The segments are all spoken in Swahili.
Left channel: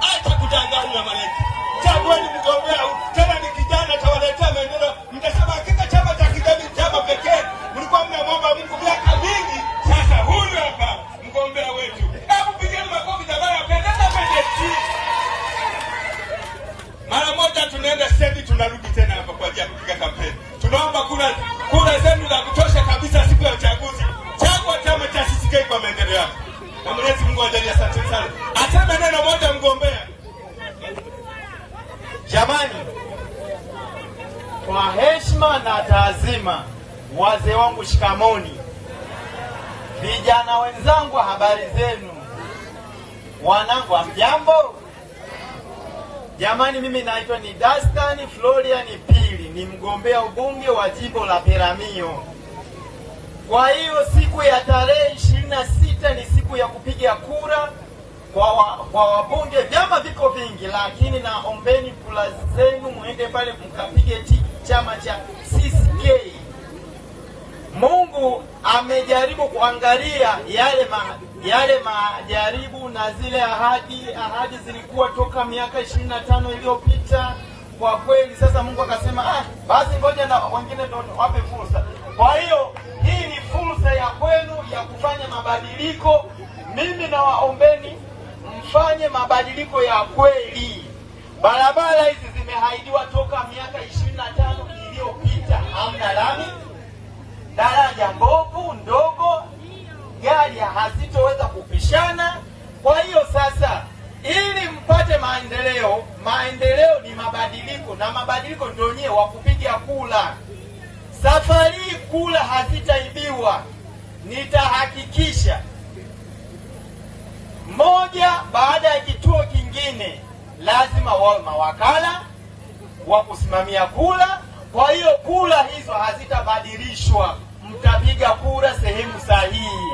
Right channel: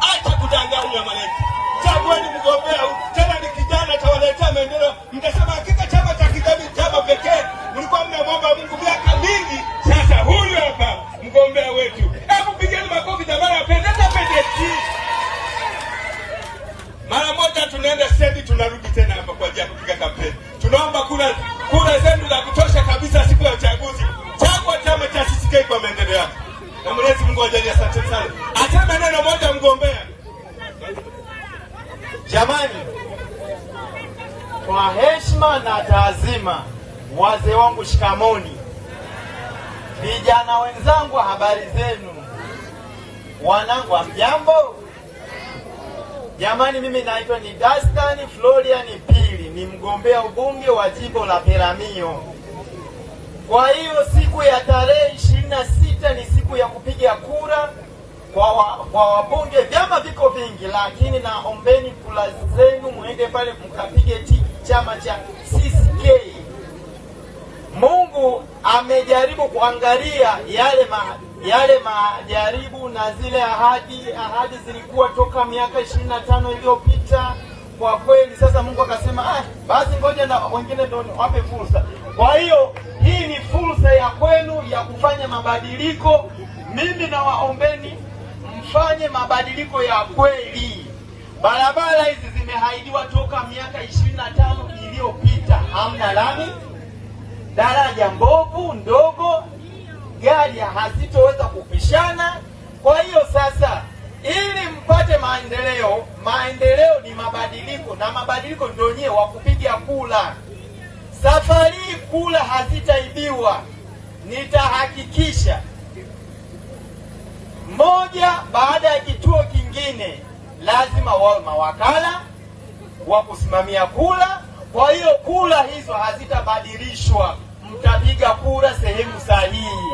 Acha kudanganya mwananchi. Chagueni mgombea tena ni kijana atawaletea maendeleo. Mtasema hakika chama cha kijamii chama pekee. Mlikuwa mnamwomba Mungu miaka mingi. Sasa huyu hapa mgombea wetu. Hebu pigeni makofi jamani, apendeza pekee. Mara moja tunaenda stendi, tunarudi tena hapa kwa ajili ya kupiga kampeni. Tunaomba kura zenu za kutosha kabisa siku ya uchaguzi. Chagua chama cha CCK kwa maendeleo yako. Na Mwenyezi Mungu ajalie. Asante sana. Asema neno moja mgombea. Jamani, kwa heshima na taazima, wazee wangu shikamoni, vijana wenzangu habari zenu, wanangu hamjambo. Jamani, mimi naitwa ni Dastan Florian Pili, ni mgombea ubunge wa jimbo la Peramiho. Kwa hiyo siku ya tarehe 26 ni siku ya kupiga kura kwa wabunge. Vyama viko vingi, lakini naombeni kura zenu muende pale mkapige chama cha CCK. Mungu amejaribu kuangalia yale majaribu na zile ahadi zilikuwa toka miaka 25 iliyopita. Kwa kweli sasa Mungu akasema basi ngoja na wengine ndio wape fursa. Kwa hiyo hii ni fursa ya kwenu ya kufanya mabadiliko. Mimi nawaombeni mfanye mabadiliko ya kweli. Barabara hizi zimehaidiwa toka miaka 25 iliyopita. Hamna lami, daraja mbovu ndogo, gari hazitoweza kupishana. Kwa hiyo sasa, ili mpate maendeleo ni mabadiliko, na mabadiliko ndio wenyewe wa kupiga kura. Safari kura hazitaibiwa. Nitahakikisha moja baada ya kituo kingine lazima wawe mawakala wa kusimamia kura. Kwa hiyo kura hizo hazitabadilishwa, mtapiga kura sehemu sahihi.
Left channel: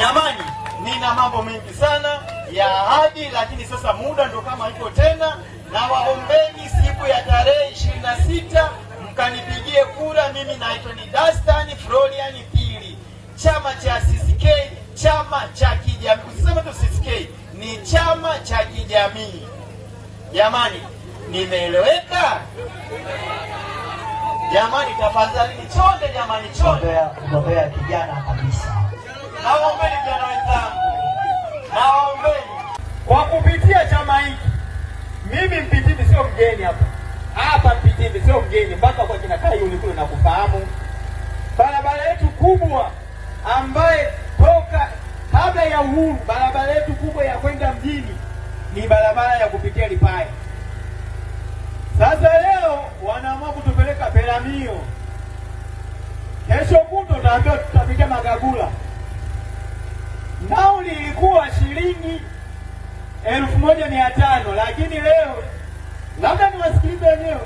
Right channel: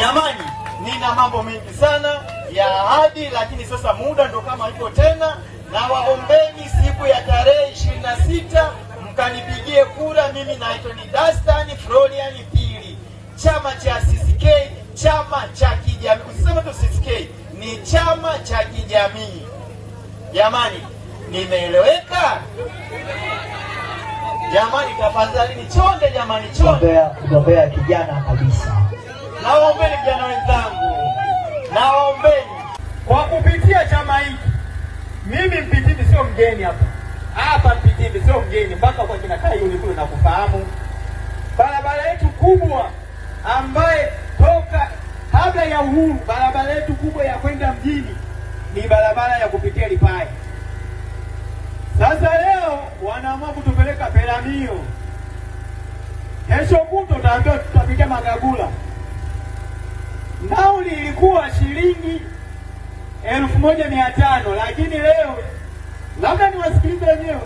Jamani, nina mambo mengi sana ya ahadi, lakini sasa muda ndo kama hivyo tena. Na waombeni siku ya tarehe 26 mkanipigie kura. Mimi naitwa ni Dastan Florian Pili, chama cha CCK, chama cha kijamii. Usisema tu CCK, ni chama cha kijamii. Jamani, nimeeleweka? Jamani, tafadhali nichonge jamani, chonge. Kugombea kijana kabisa. Nawaombeni vijana wenzangu, nawaombeni kwa kupitia chama hiki. Mimi Mpitindi sio mgeni hapa Mpitindi sio mgeni, mpaka kwa kina Kai ulikuwa unakufahamu. Barabara yetu kubwa ambaye toka haga ya uhuru, barabara yetu kubwa ya kwenda mjini ni barabara ya kupitia Lipai. Sasa leo wanaamua kutupeleka Peramiho. Kesho kutwa naambiwa tutapiga Magagula. Nauli ilikuwa shilingi 1,500, lakini leo labda niwasikilize wenyewe,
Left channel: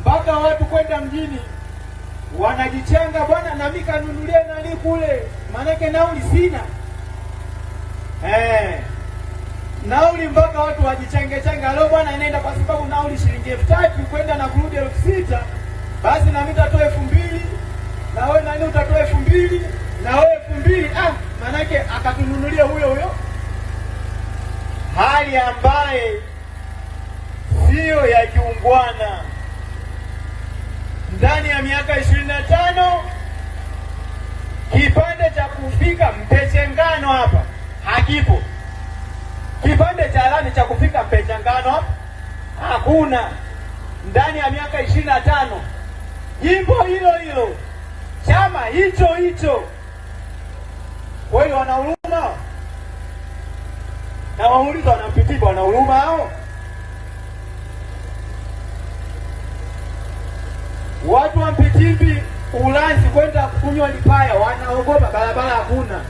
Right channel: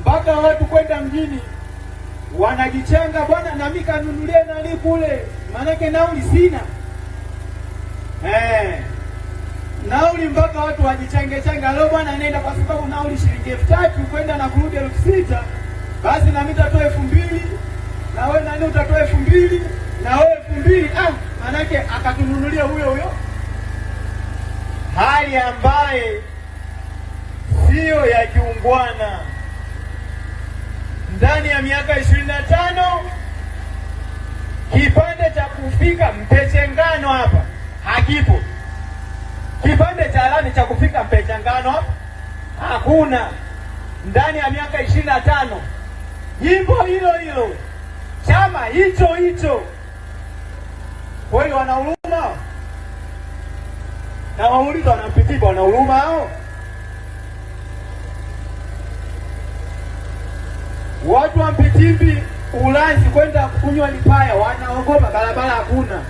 mpaka watu kwenda mjini wanajichanga, bwana na mimi kanunulie nani kule, manake nauli sina. Nauli mpaka watu wajichange changa. Leo bwana nenda kwa sababu nauli shilingi 3,000 kwenda na kurudi 6,000, basi na mimi utatoa 2,000, na wewe nani utatoa 2,000, na wewe 2,000. Manake akatununulia huyo hali ambaye sio ya kiungwana. Ndani ya miaka 25 kipande cha kufika Mpechengano hapa hakipo. Kipande cha lami cha kufika Mpechengano hapa hakuna. Ndani ya miaka 25 jimbo hilo chama hicho. Kwa hiyo wanahuruma na wauliza wanapitika, wanahuruma hao watu wa Mpitindi Ulanzi kwenda kunywa Lipaya, wanaogopa barabara hakuna.